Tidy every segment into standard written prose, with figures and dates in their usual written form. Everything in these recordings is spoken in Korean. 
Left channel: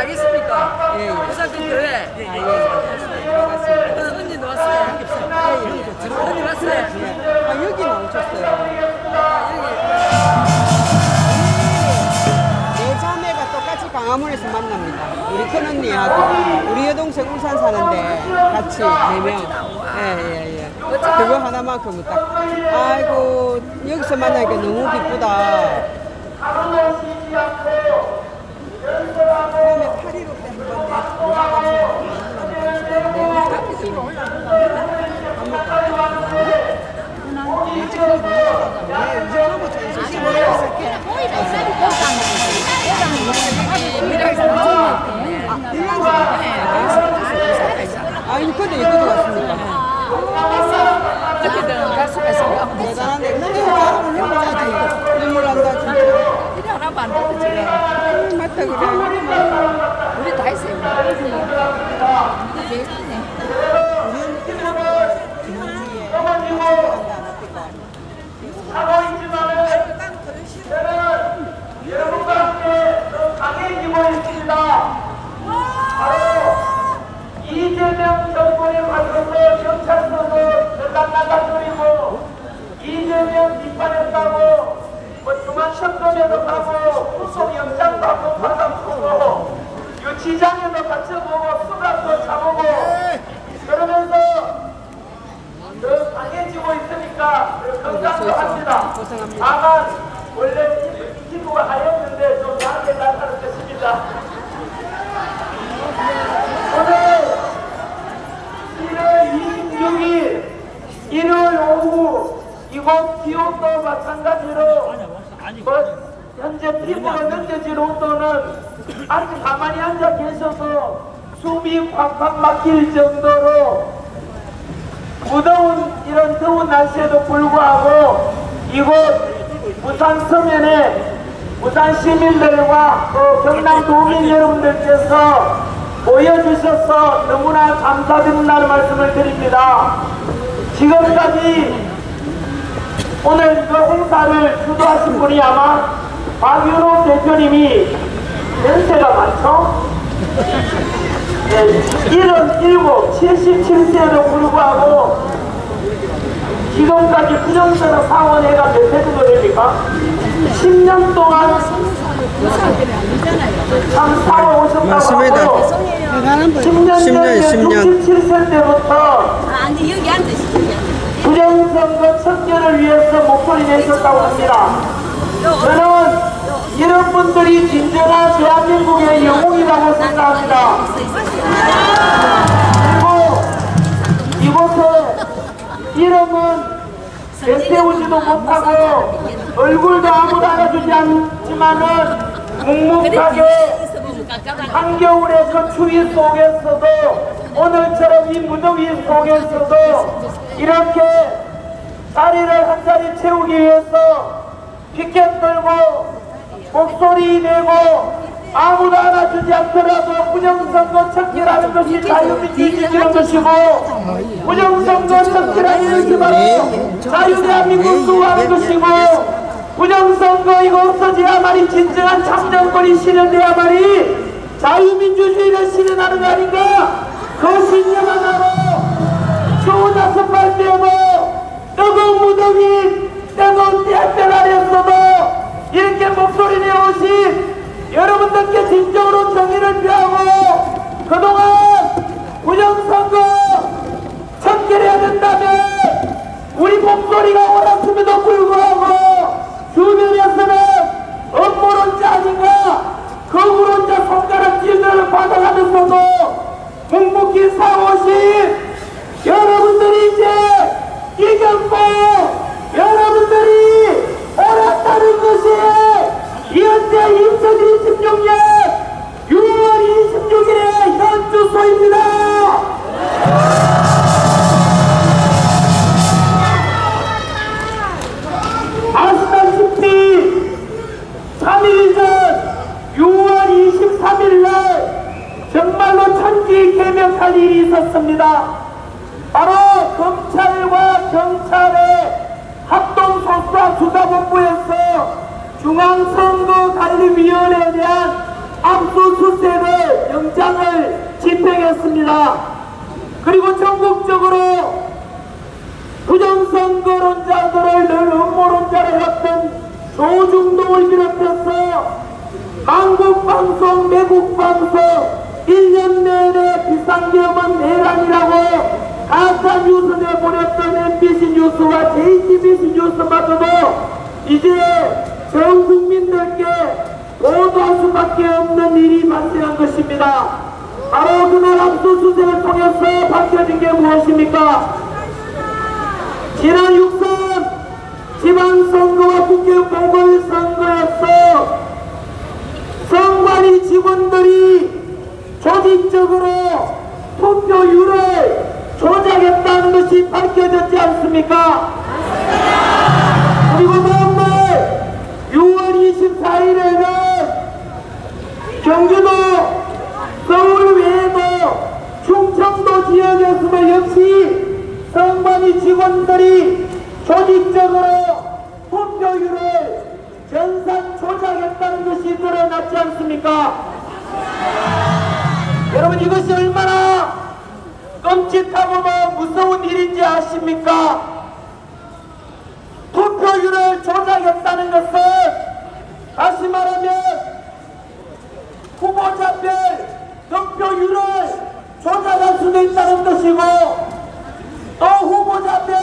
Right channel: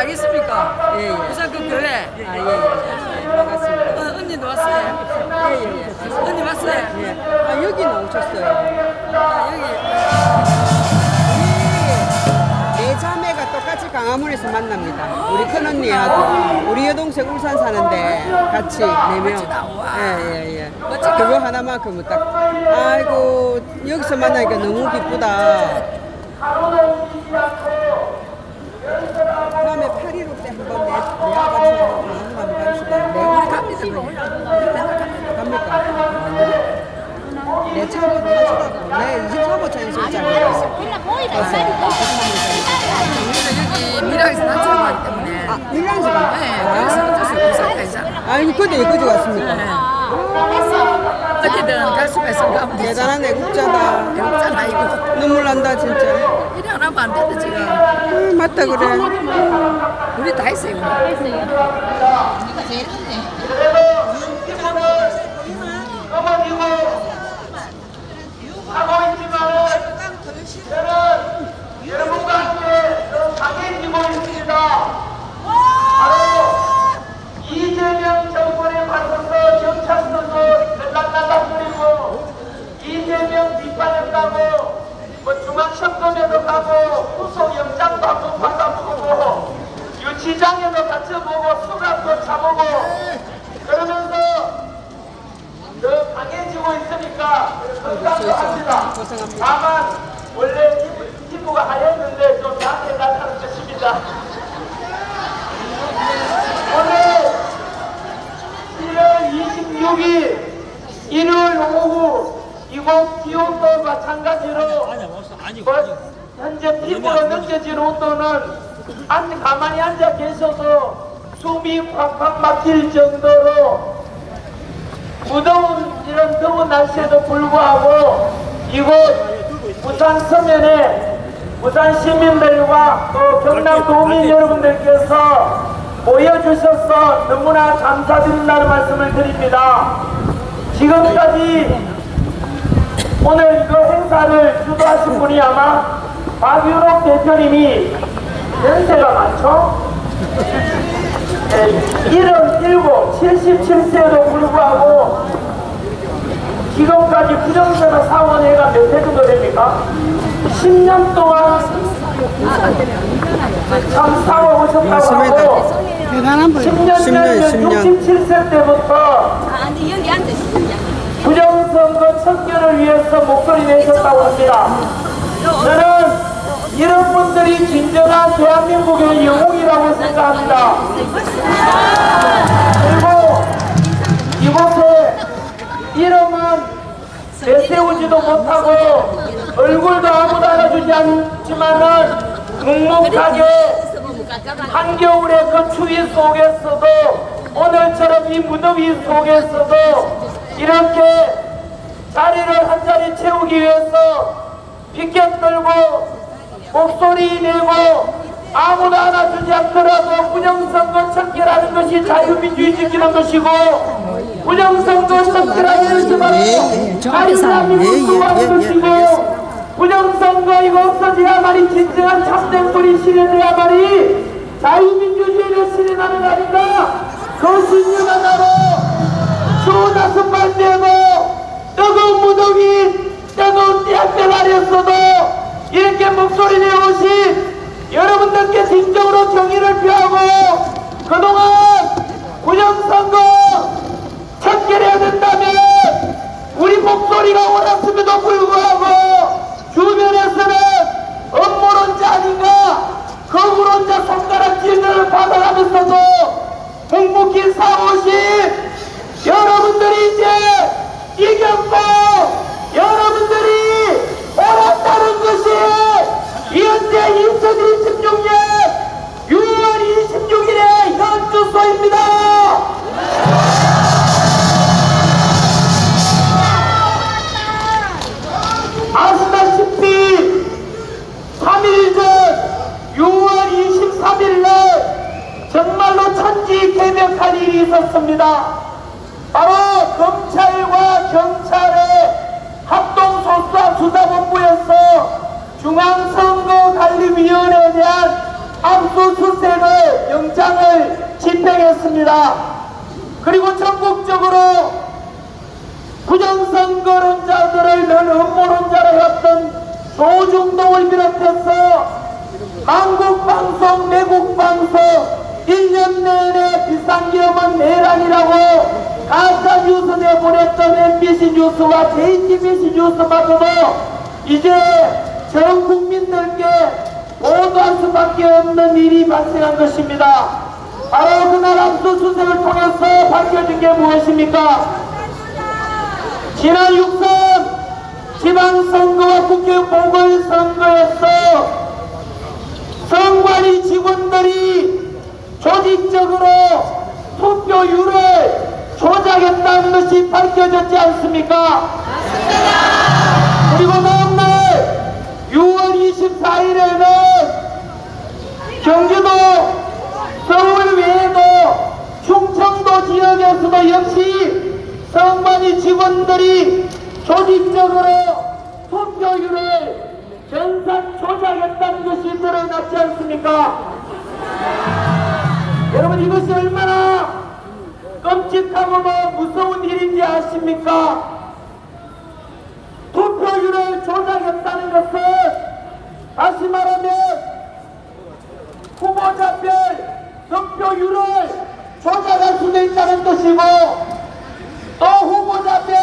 알겠습니까? 예, 예. 부산 그 교회. 아, 예, 반갑습니다. 언니 왔어요? 예, 예, 예. 언니 왔어요? 예. 아, 여기 나오셨어요. 여기. 네 자매가 똑같이 강화문에서 만납니다. 우리 큰언니하고 우리 여동생 울산 사는데 같이 4명. 예, 예, 예. 그거 하나만큼은 딱. 아이고, 여기서 만나니까 너무 기쁘다. 다음에 8.15 때 한번 아니, 그때 여기도 왔습니까? 어쨌든 가슴에서 가면 대단한 애국자다. 눈물 난다, 진짜. 이리 하나만 안 돼도 지금. 맞다, 그래. 우리 다 했어요. 넘어지고 하고 있지만은 저는 여러분과 함께 더 강해지고 있습니다. 바로 이재명 정권에 맞서서 경찰서도 들락날락거리고 이재명 비판했다고 뭐 중앙선거에도 가고 구속영장도 받아보고 유치장에도 갇혀보고 수갑도 차보고 그러면서 더 강해지고 있으니까 건강합니다. 고생합니다. 다만 원래 이 친구가 하였는데 좀 약해 나타난 것입니다. 오늘 7월 26일 일요일 오후 이곳 기온도 마찬가지로 뭐 현재 피부로 느껴질 온도는 가만히 앉아 계셔도 숨이 팍팍 막힐 정도로 무더운 이런 더운 날씨에도 불구하고 이곳 부산 서면에 부산 시민들과 또 경남 도민 여러분들께서 모여주셔서 너무나 감사드린다는 말씀을 드립니다. 지금까지 오늘 그 행사를 주도하신 분이 아마 박유록 대표님이 연세가 많죠? 네, 77, 77세에도 불구하고 지금까지 부정선거 사원회가 몇 회 정도 됩니까? 10년 동안 참 사고 오셨다고 맞습니다. 하고 10년 전 67세 때부터 부정선거 척결을 위해서 목소리 내셨다고 합니다. 저는 이런 분들이 진정한 대한민국의 영웅이라고 생각합니다. 그리고 이곳에 이름은 내세우지도 못하고 얼굴도 아무도 알아주지 않지만은 묵묵하게 한겨울의 그 추위 속에서도 오늘처럼 이 무더위 속에서도 이렇게 자리를 한 자리 채우기 위해서 피켓 들고 목소리 내고 아무도 알아주지 않더라도 부정선거 척결하는 것이 자유민주주의라는 것이고 부정선거 척결하는 것이 자유민주주의를 수호하는 것이고 부정선거 이거 없어져야만이 진정한 참정권이 실현돼야만이 자유민주주의를 실현하는 거 아닌가. 그 신념 하나로 추운 다섯발 떼고 뜨거운 무더위 뜨거운 태양볕 아래서도 이렇게 목소리 내오신 여러분들께 진정으로 정의를 표하고 그동안 부정선거 척결해야 된다면 우리 목소리가 옳았음에도 불구하고 주변에서는 음모론자 아닌가 거부론자 손가락질을 받아가면서도 묵묵히 사오신 여러분들이 이제 이겼고 여러분들이 옳았다는 것이 현재 2026년 6월 26일의 현 주소입니다. 아시다시피 3일 전 6월 23일날 정말로 천지개벽할 일이 있었습니다. 바로 검찰과 경찰의 합동소수사수사본부에서 중앙선거관리위원회에 대한 압수수색의 영장을 집행했습니다. 그리고 전국적으로 부정선거론자들을 늘 음모론자로 해왔던 조중동을 비롯해서 한국방송, 매국방송 1년 내내 비상계엄은 내란이라고 가짜뉴스 내보냈던 MBC 뉴스와 JTBC 뉴스마저도 이제 전 국민들께 보도할 수밖에 없는 일이 발생한 것입니다. 바로 그날 압수수색을 통해서 밝혀진 게 무엇입니까? 지난 6선 지방선거와 국회 보궐선거에서 선관위 직원들이 조직적으로 투표율을 조작했다는 것이 밝혀졌지 않습니까? 그리고 다음날 6월 24일에는 경기도 서울 외에도 충청도 지역에서도 역시 선관위 직원들이 조직적으로 투표율을 전산 조작했다는 것이 드러났지 않습니까? 여러분 이것이 얼마나 끔찍하고 무서운 일인지 아십니까? 투표율을 조작했다는 것은 다시 말하면 후보자별 득표율을 조작할 수도 있다는 것이고 또 후보자별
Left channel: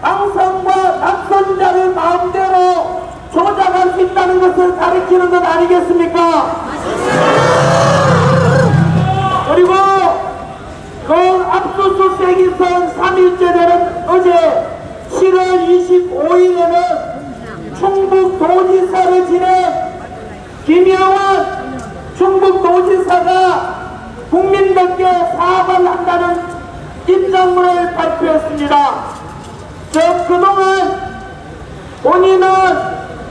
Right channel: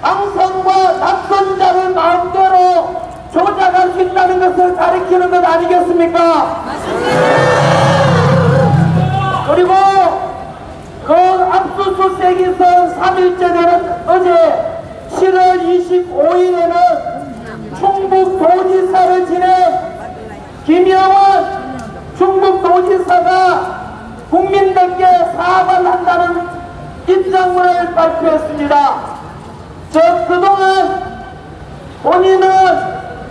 당선과 낙선자를 마음대로 조작할 수 있다는 것을 가리키는 것 아니겠습니까? 그리고 그 압수수색이 선 3일째 되는 어제 7월 25일에는 충북도지사를 지낸 김영환 충북도지사가 국민들께 사과를 한다는 입장문을 발표했습니다. 즉 그동안 본인은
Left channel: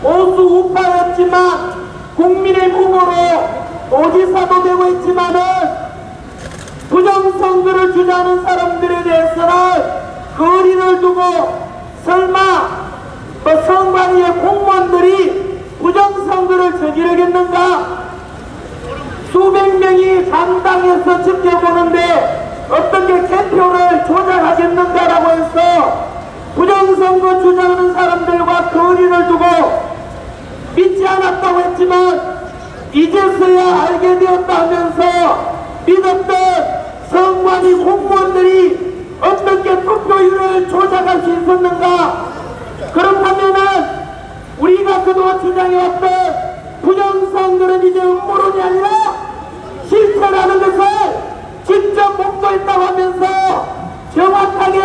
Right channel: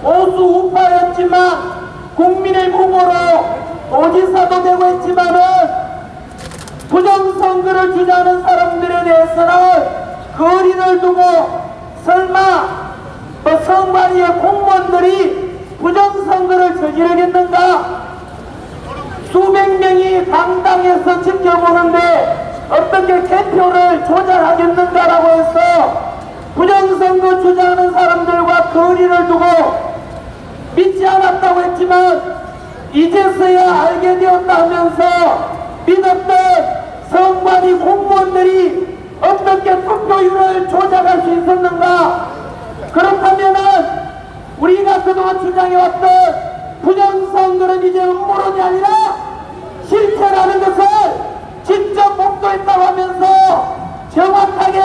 보수 우파였지만 국민의 후보로 도지사도 되고 했지만은 부정선거를 주장하는 사람들에 대해서는 거리를 두고 설마 선관위의 공무원들이 부정선거를 저지르겠는가? 수백 명이 강당에서 지켜보는데 어떻게 개표를 조작하겠는가라고 해서 부정선거 주장하는 사람들과 거리를 두고 믿지 않았다고 했지만 이제서야 알게 되었다 하면서 믿었던 선관위 공무원들이 어떻게 투표율을 조작할 수 있었는가? 그렇다면은 우리가 그동안 주장해왔던 부정선거는 이제 음모론이 아니라 실체라는 것을 직접 목도했다고 하면서 정확하게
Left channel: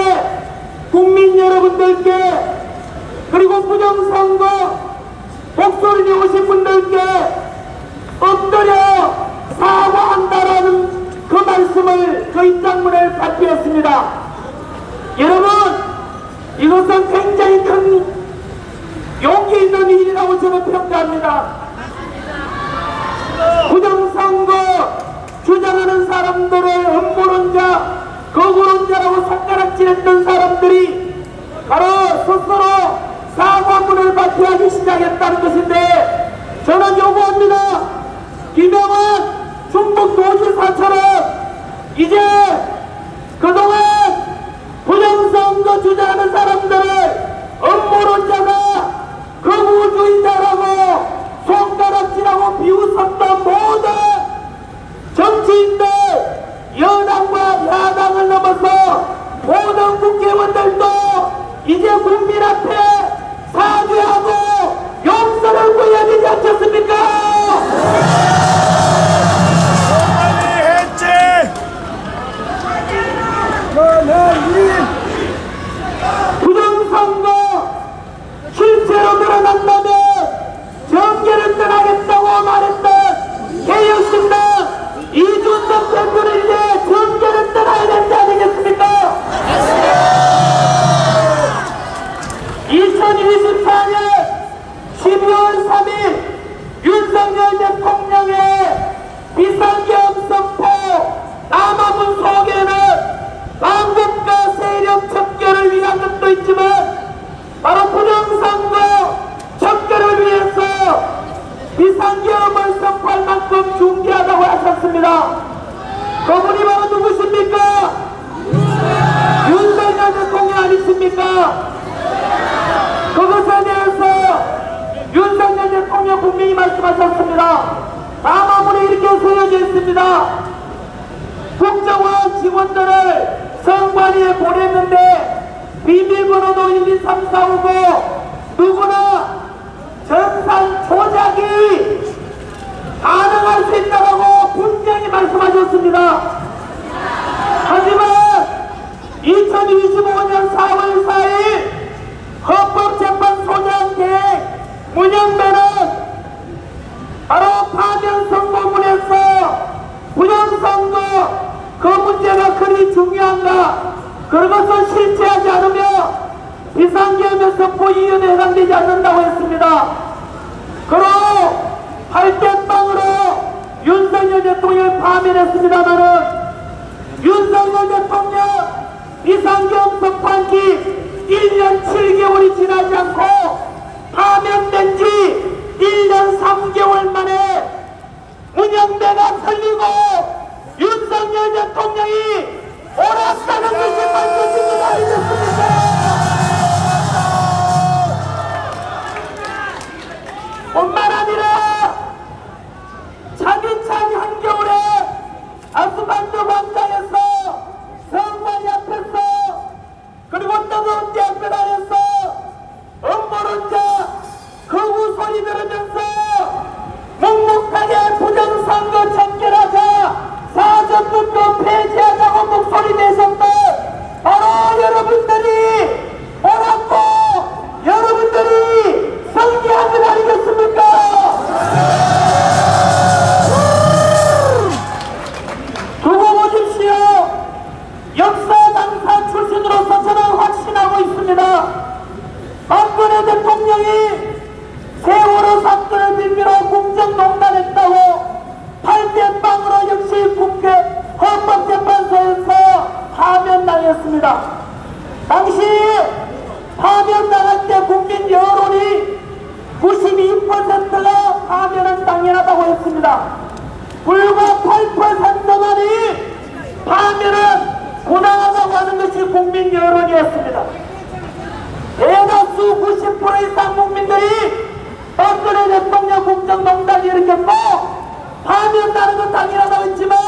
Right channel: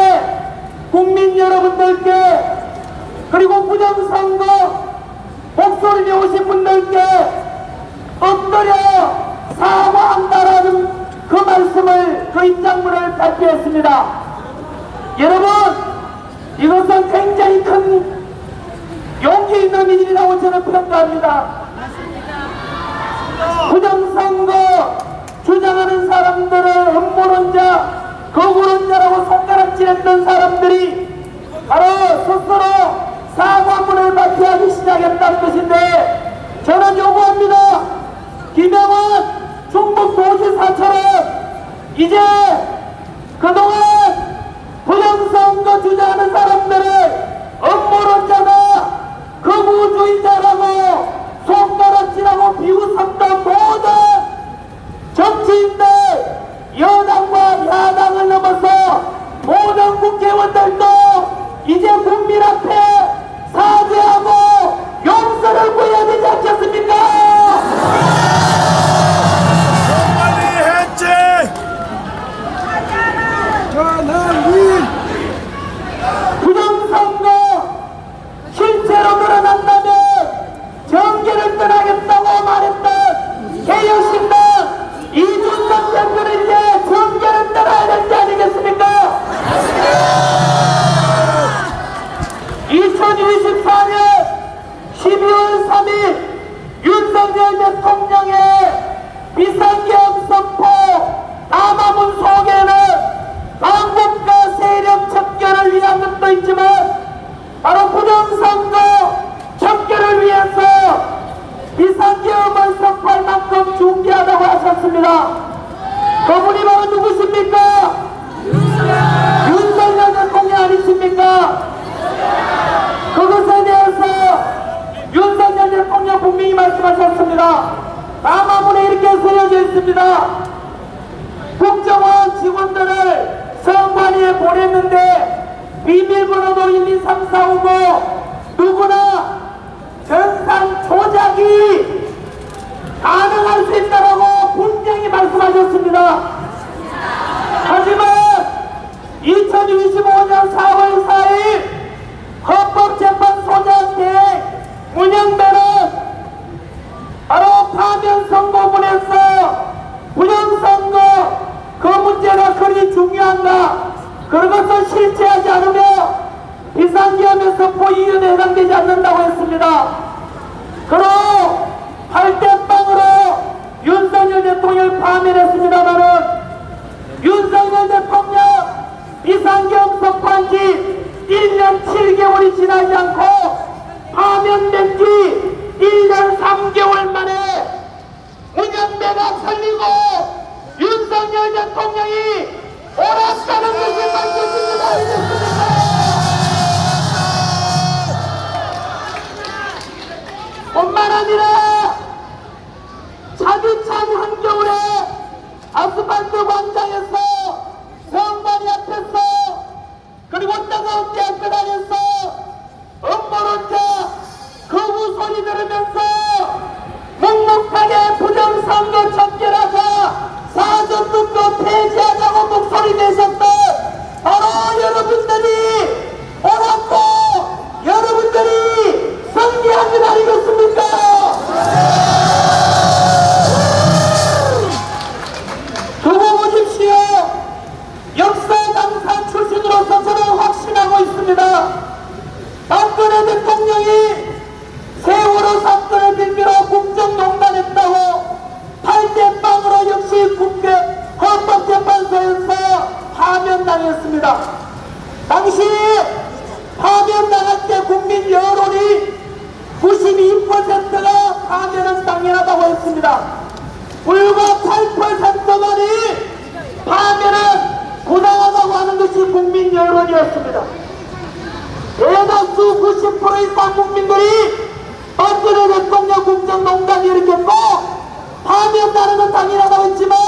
국민 여러분들께 그리고 부정선거 목소리 내오신 분들께 엎드려 사과한다라는 그 말씀을 그 입장문을 발표했습니다. 여러분 이것은 굉장히 큰 용기 있는 일이라고 저는 평가합니다. 부정선거 주장하는 사람들을 음모론자, 거부론자라고 손가락질했던 사람들이 바로 스스로 사과문을 발표하기 시작했다는 것인데 저는 요구합니다. 김영환 충북도지사처럼 이제 그동안 부정선거 주장하는 사람들을 음모론자나 거부주의자라고 손가락질하고 비웃었던 모든 정치인들 여당과 야당을 넘어서 모든 국회의원들도 이제 국민 앞에 사죄하고 용서를 구해야 되지 않겠습니까? 했습니다. 그분이 바로 누구십니까? 윤석열 대통령 아니십니까? 그것에 대해서 윤석열 대통령 분명히 말씀하셨습니다. 담화문에 이렇게 쓰여져 있습니다. 국정원 직원들을 선관위에 보냈는데 비밀번호도 1, 2, 3, 4, 5, 5 누구나 전산 조작이 가능할 수 있다고 분명히 말씀하셨습니다. 하지만 2025년 4월 4일 헌법재판소장 문영배는 바로 파면선고문에서 부정선거 그 문제가 그리 중요한가 그것을 실체하지 않으며 비상계엄에서 포위위원회에 해당되지 않는다고 했습니다. 그로 할대빵으로 윤석열 대통령을 파면했습니다마는 윤석열 대통령 비상계엄 선포한 지 1년 7개월이 지나지 않고 파면된 지 1년 3개월 만에 문영배가 살리고 윤석열 대통령이 옳았다는 것을 밝혀줍니다. 뿐만 아니라 차디찬 한겨울에 아스팔트 광장에서 성관이 앞에서 그리고 뜨거운 대학교 안에서 음모론자 그 후소리 들으면서 묵묵하게 부정선거 참결하자 사전투표 폐지하자고 목소리 내셨던 바로 여러분들이 옳았고 여러분들이 승리한 것 아니겠습니까? 두고 보십시오. 역사 당사 출신으로서 저는 확신하고 있습니다. 박근혜 대통령이 세월호 사건을 빌미로 국정농단했다고 8대0으로 역시 국회 헌법재판소에서 파면당했습니다. 당시 파면당할 때 국민 여론이 92%가 파면은 당연하다고 했습니다. 불과 8%만이 파면은 부당하다고 하는 것이 국민 여론이었습니다. 대다수 90% 이상 국민들이 박근혜 대통령 국정농단이 일으켰고 파면다는 건 당연하다고 했지만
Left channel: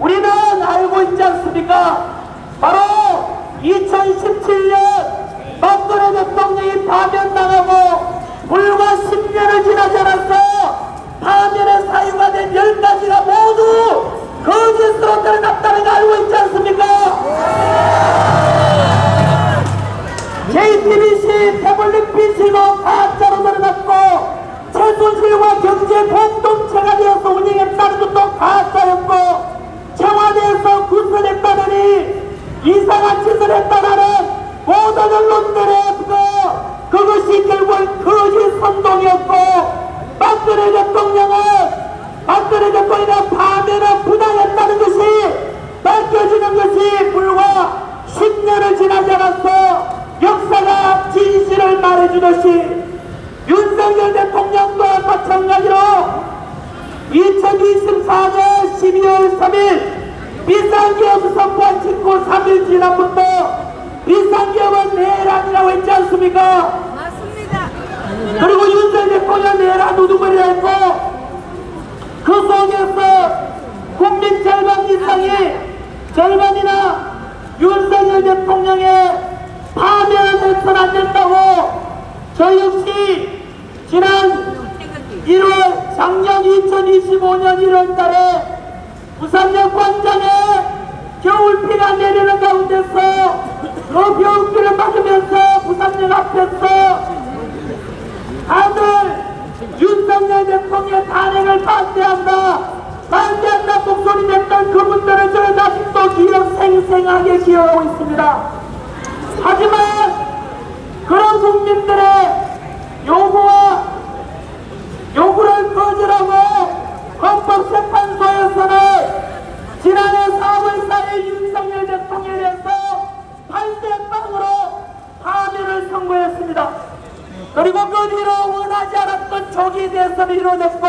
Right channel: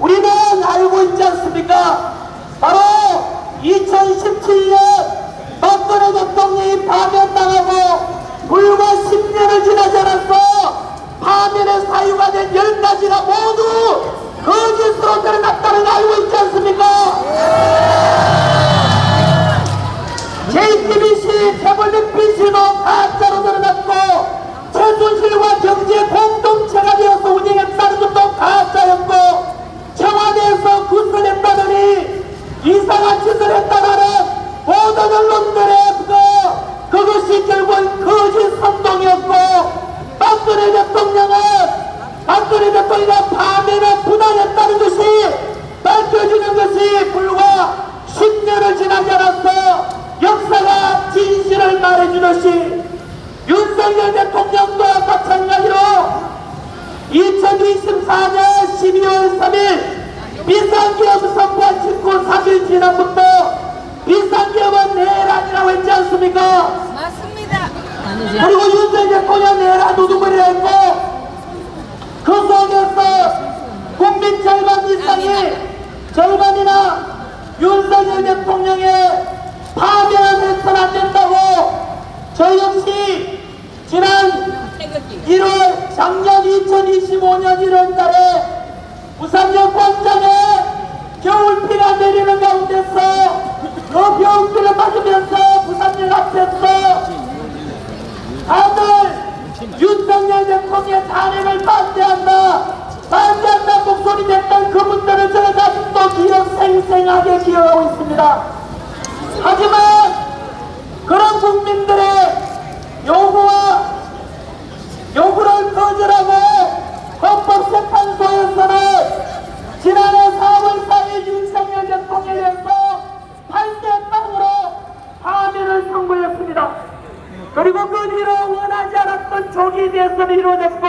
우리는 알고 있지 않습니까? 바로 2017년 박근혜 대통령이 파면당하고 불과 10년을 지나지 않았어 파면의 사유가 된 10가지가 모두 거짓으로 드러났다는 거 알고 있지 않습니까? JTBC, 태블릿 PC도 가짜로 드러났고 최순실과 경제 공동체가 되어서 운영했다는 것도 가짜였고 청와대에서 구슬했다더니 이상한 짓을 했다는 모든 언론들의 그것이 결국은 거짓 선동이었고 박근혜 대통령이 파면을 부당했다는 것이 밝혀지는 것이 불과 10년을 지나지 않았어 역사가 진실을 말해주듯이 윤석열 대통령도 마찬가지로 2024년 12월 3일 비상계엄 선포한 직후 3일 지난부터 비상계엄은 내란이라고 했지 않습니까? 맞습니다. 그리고 윤석열 대통령 내란 우두머리를 했고 그 속에서 국민 절반 이상이 절반이나 윤석열 대통령의 파면을 해서는 안 된다고 저 역시 지난 1월 작년 2025년 1월 달에 부산역 광장에 겨울비가 내리는 가운데서 그 겨울비를 맞으면서 부산역 앞에서 다들 윤석열 대통령의 탄핵을 반대한다 목소리 냈던 그분들을 저는 아직도 생생하게 기억하고 있습니다. 하지만 그런 국민들의 요구를 거절하고 헌법재판소에서는 지난해 4월 4일 윤석열 대통령에 대해서 8대0으로 파면을 선고했습니다. 그리고 그 뒤로 원하지 않았던 조기에 대해서 이뤄냈고